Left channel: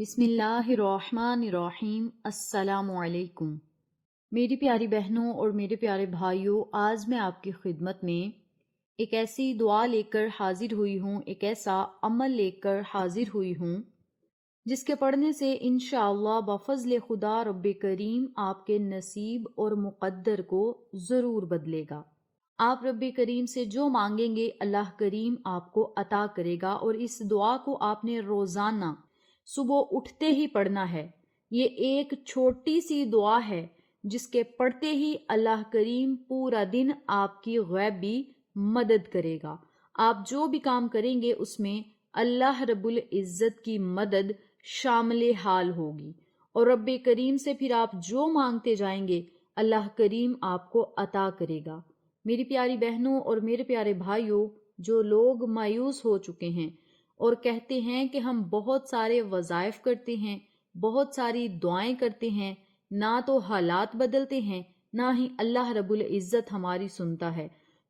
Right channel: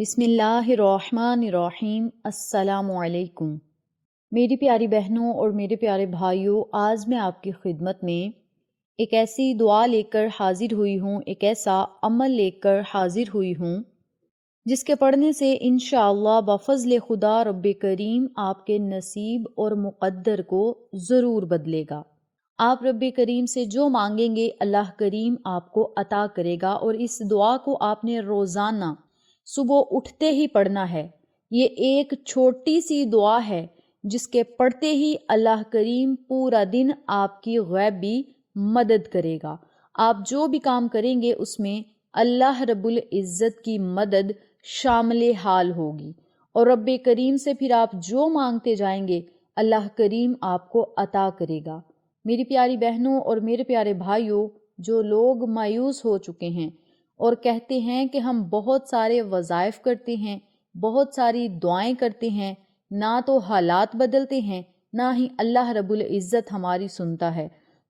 بسم اللہ الرحمن الرحیم۔ السلام علیکم میری پیاری بہنوں اور میرے پیارے بھائیوں، آج میں آپ کی خدمت میں ایک ایسی دعا لے کر حاضر ہوئی ہوں، ایک ایسا عمل لے کر حاضر ہوئی ہوں جس کے پڑھنے سے انشاءاللہ بفضل خدا رب کریم آپ کے نصیب اور مقدر کو ضرور بدلے گا۔ آپ رب کریم سے جو مانگیں گے اللہ کریم آپ کو عطا کرے گا، اور اس دعا کو آپ نے روزانہ صبح اٹھتے ہی پڑھنا ہے۔ یہ ایک چھوٹی سی دعا ہے جس کے پڑھتے ہی اللہ کریم پورا دن آپ کی غیبی مدد کرے گا۔ آپ جو بھی کام کریں گے اس میں اللہ رب العزت کی مدد شامل حال ہوگی، اور رب کریم سے پھر آپ جو مانگتے جائیں گے اللہ کریم آپ کو عطا کرے گا۔ میری پیاری بہنوں اور میرے پیارے بھائیوں، جو لوگ مایوس ہو چکے ہیں اور کہتے ہیں کہ ہم بہت سارے وظائف کرتے ہیں، بہت ساری دعائیں کرتے ہیں، نہ تو حالات بدلتے ہیں نہ ہی اللہ رب العزت ہماری سنتا ہے،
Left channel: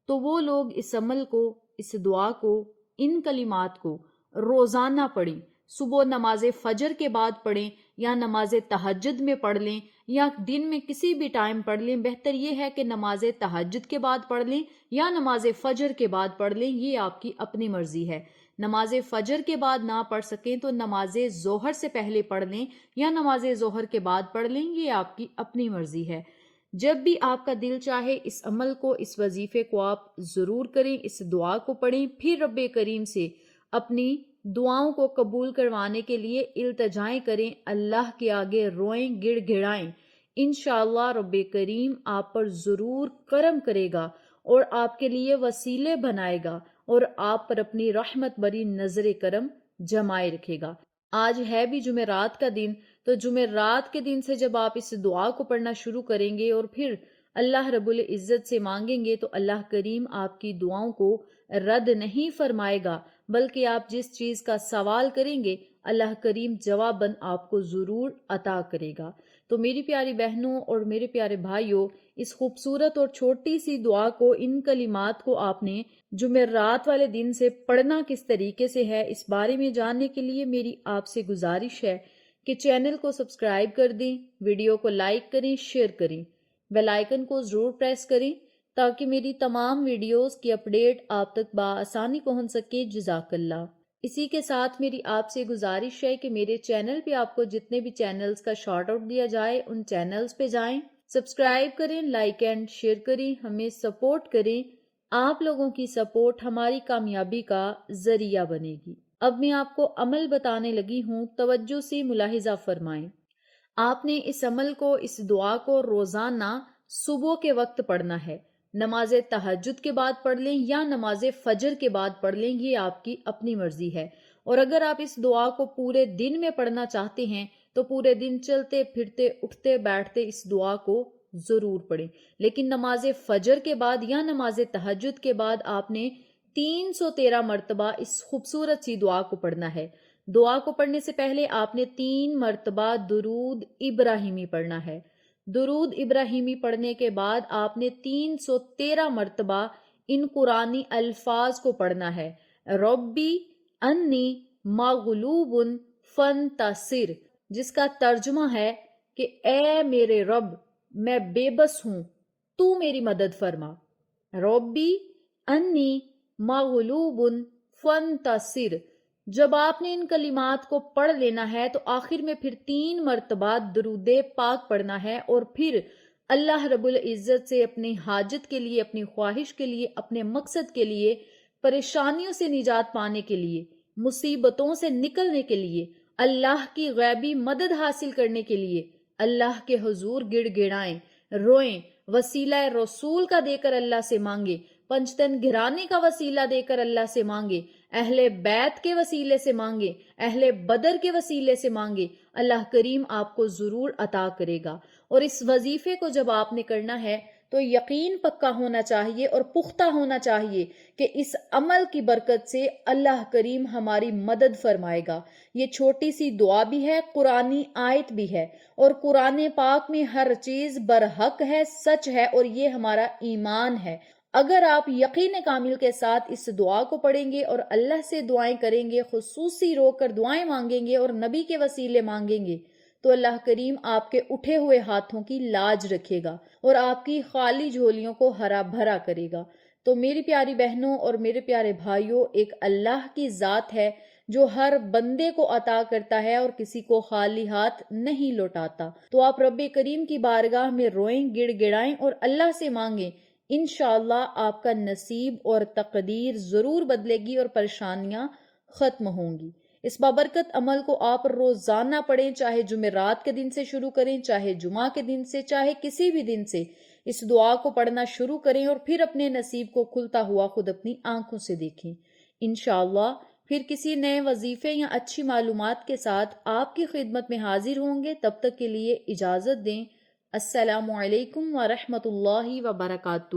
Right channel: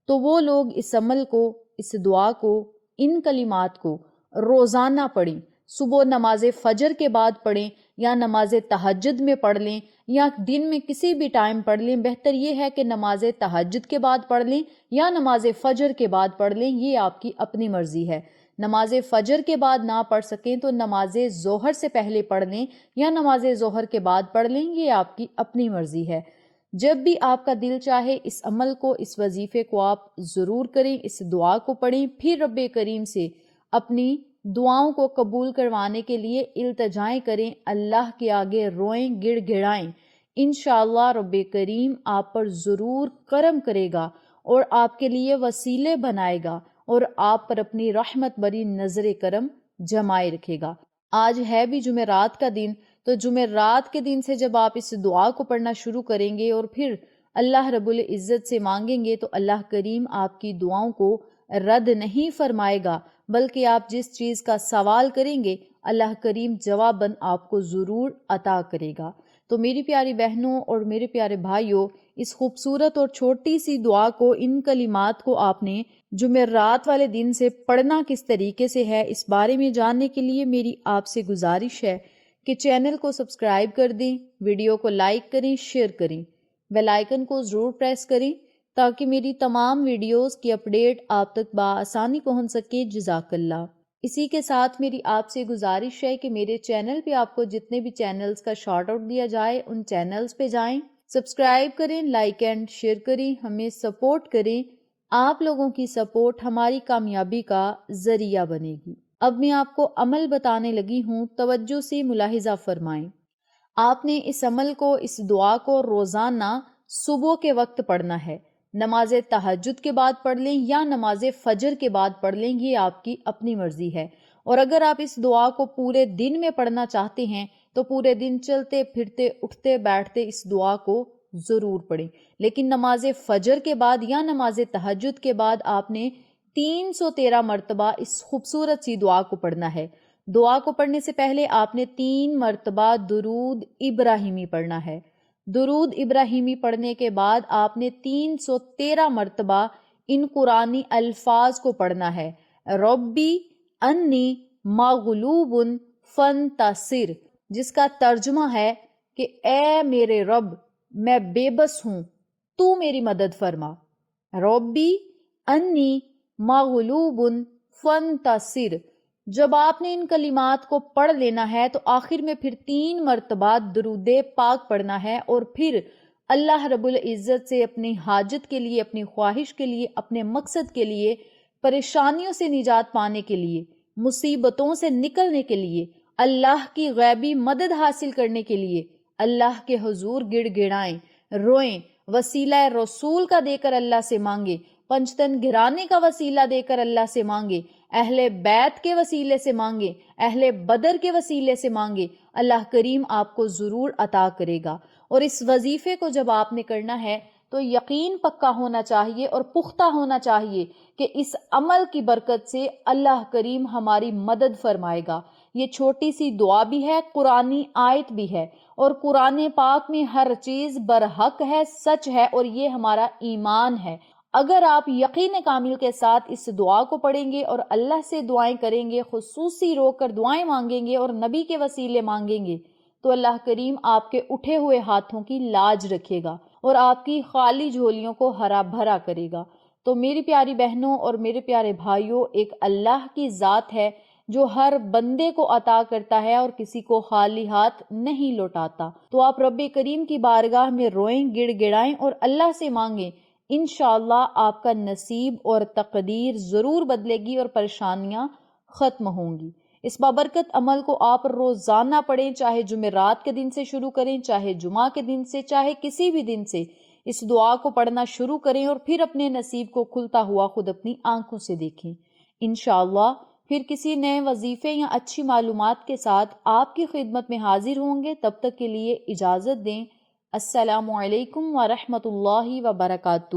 تو وہ لوگ اس عمل کو، اس دعا کو، ان کلمات کو روزانہ پڑھیں۔ صبح نماز فجر کے بعد پڑھیں، یا نماز تہجد میں پڑھ لیں، یا دن میں کسی بھی ٹائم پڑھ لیں۔ بہتر یہ ہے کہ نماز تہجد کے بعد پڑھ لیں یا نماز فجر کے بعد پڑھ لیں، یہ آپ کی اپنی مرضی ہے۔ نماز فجر کے بعد نہ پڑھ سکیں تو نماز ظہر سے پہلے پڑھ لیں یا نماز ظہر کے بعد پڑھ لیں، یہ آپ کی اپنی مرضی ہے۔ جب بھی آپ کا دل چاہے اس عمل کو، اس وظیفے کو آپ ضرور کریں، اس دعا کو پڑھیں، پھر رب کریم سے اپنی دعاؤں کو قبول کروانے کے لیے التجائیں کریں، اللہ کے آگے روئیں، گڑ گڑائیں۔ انشاءاللہ رب کریم آپ پر ضرور کرم کرے گا اور آپ کے لیے وسیلے بنائے گا، اور آپ پر اپنی رحمت بری نظر کرم جمائے رکھے گا۔ آج ہے بھی جمعرات کا دن، تو جمعرات کے دن سے جب آپ اس دعا کو پڑھنا شروع کریں گے اور پھر اللہ رب العزت سے مانگیں گے، تو اللہ کریم آپ کی دعاؤں کو رد نہیں فرمائے گا، بلکہ آپ جس چیز کا سوال کریں گے اللہ کریم جواباً آپ کو ضرور عطا کرے گا۔ تو میری پیاری بہنوں اور میرے پیارے بھائیوں، اس خوبصورت اور چھوٹی سی دعا کو، ان کلمات کو آپ نے جمعرات والے دن سے پڑھنا کس طریقے سے ہے، اس بارے میں جاننے کے لیے میری آپ سے گزارش ہے کہ چینل کو سبسکرائب کر دیں، ویڈیو کو لائک کریں، شیئر کریں، بیل آئیکن کو ضرور پریس کریں تاکہ میری تمام ویڈیوز کی اپڈیٹ آپ تک بآسانی پہنچ سکے۔ جزاک اللہ۔ اسی کے ساتھ میری آپ سے گزارش ہے کہ میرے چینل پہ آپ کو جتنے بھی چینلز کا شارٹ آؤٹ دیا جائے ان چینلز پہ جائیں، سبسکرائب کریں، لائک اینڈ شیئر کریں، ہمیں سپورٹ کریں۔ آپ لوگوں کی سپورٹ ہماری کامیابی کا ذریعہ بنے گی۔ اب میں آپ کو عمل بتانے لگی ہوں، توجہ سے ملاحظہ فرمائیں۔ آپ نے اس عمل کو، اس دعا کو روزانہ صبح کے وقت پڑھنا ہے۔ نماز تہجد کے بعد پڑھ لیں یا نماز فجر کے بعد پڑھ لیں، یہ آپ کی اپنی مرضی ہے۔ اور اگر آپ اس دعا کو پورے دن میں پڑھنا چاہتے ہیں تو پورے دن چلتے پھرتے اٹھتے بیٹھتے اس دعا کو ضرور پڑھیں، لیکن نماز فجر کے بعد یا نماز تہجد کے بعد آپ نے 313 مرتبہ اس خوبصورت سی دعا کو پڑھنا ہے۔ دعا کو پڑھنے سے پہلے آپ نے 3 مرتبہ درود ابراہیمی پڑھنا ہے۔ درود ابراہیمی پڑھنے کے بعد آپ نے 313 مرتبہ ان قرآنی الفاظ کو پڑھنا ہے۔ ربی انی مغلوب فانتصر، جس کا ترجمہ ہے کہ اے میرے رب، میں بے بس ہوں، تو میری مدد فرما۔ ربی انی مغلوب فانتصر۔ جب آپ نے ان کلمات کو پڑھ لینا ہے تو آخر میں پھر 3 مرتبہ درود پاک پڑھنا ہے، اور پھر اللہ رب العزت سے اپنی حاجت کے لیے، اپنی خواہش کے لیے، اپنے مقصد کے لیے، پریشانیوں سے نجات پانے کے لیے، مصیبتوں سے نکلنے کے لیے، اللہ کی غیبی مدد حاصل کرنے کے لیے اللہ کے حضور گڑ گڑائیں، روئیں، وسیلہ رسول کا دے کر اللہ سے مانگے، پنجتن گرانے کا وسیلہ دے کر اللہ سے مانگے، اہل بیت کے وسیلے سے مانگے، اہل بدر کے وسیلے سے مانگے، اللہ کریم آپ کو ضرور عطا کرے گا۔ اور اس وظیفے کو جب آپ نے کرنا ہے تو یقین پکا ہونا چاہیے اور پختہ ہونا چاہیے کہ اس عمل کی برکت سے اللہ کریم ہماری مدد فرمائے گا۔ یہ چھوٹی سی دعا بھی ہے، قرآنی آیت بھی ہے، اور قرآن پاک میں ہر چیز برحق ہے، سچ ہے، اور یہ ہمارا ایمان ہے۔ اگر آپ یقین کامل کے ساتھ اس دعا کو پڑھیں گے اور اللہ سے دعائیں کریں گے، خصوصی رو کر دعائیں مانگیں گے اور نبی کے وسیلے مانگیں گے، تو اللہ کریم آپ کے اٹھے ہوئے ہاتھوں کی لاج رکھے گا اور آپ کی خالی جھولیوں کو ہرا بھرا کرے گا۔ تو میری پیاری بہنوں اور میرے پیارے بھائیوں، ایک اللہ کی ذات ہے جو ہر بندے کو عطا کرتا ہے اور کسی کو خالی ہاتھ نہیں لوٹاتا۔ تو آپ رب کریم کی بارگاہ میں روئیں، گڑ گڑائیں اور اللہ سے مانگیں، انشاءاللہ آپ کا نصیب اور تقدیر ضرور بدلے گی اور پریشانیاں ختم ہوں گی۔ اس بابرکت عمل کو آپ روزانہ پڑھیں، چاہے جمعرات کے دن سے شروع کریں، چاہے جمعہ کے دن سے، چاہے کسی بھی دن سے اس دعا کو پڑھنا شروع کریں اور پھر اپنے نصیب کو کھلتا ہوا خود اپنی آنکھوں سے دیکھیں۔ انشاءاللہ پھر کسی نئے وظیفے یا اچھی معلومات کے ساتھ آپ کی خدمت میں حاضر ہوں گے۔ تب تک کے لیے اجازت دیں۔ السلام علیکم ورحمۃ اللہ وبرکاتہ۔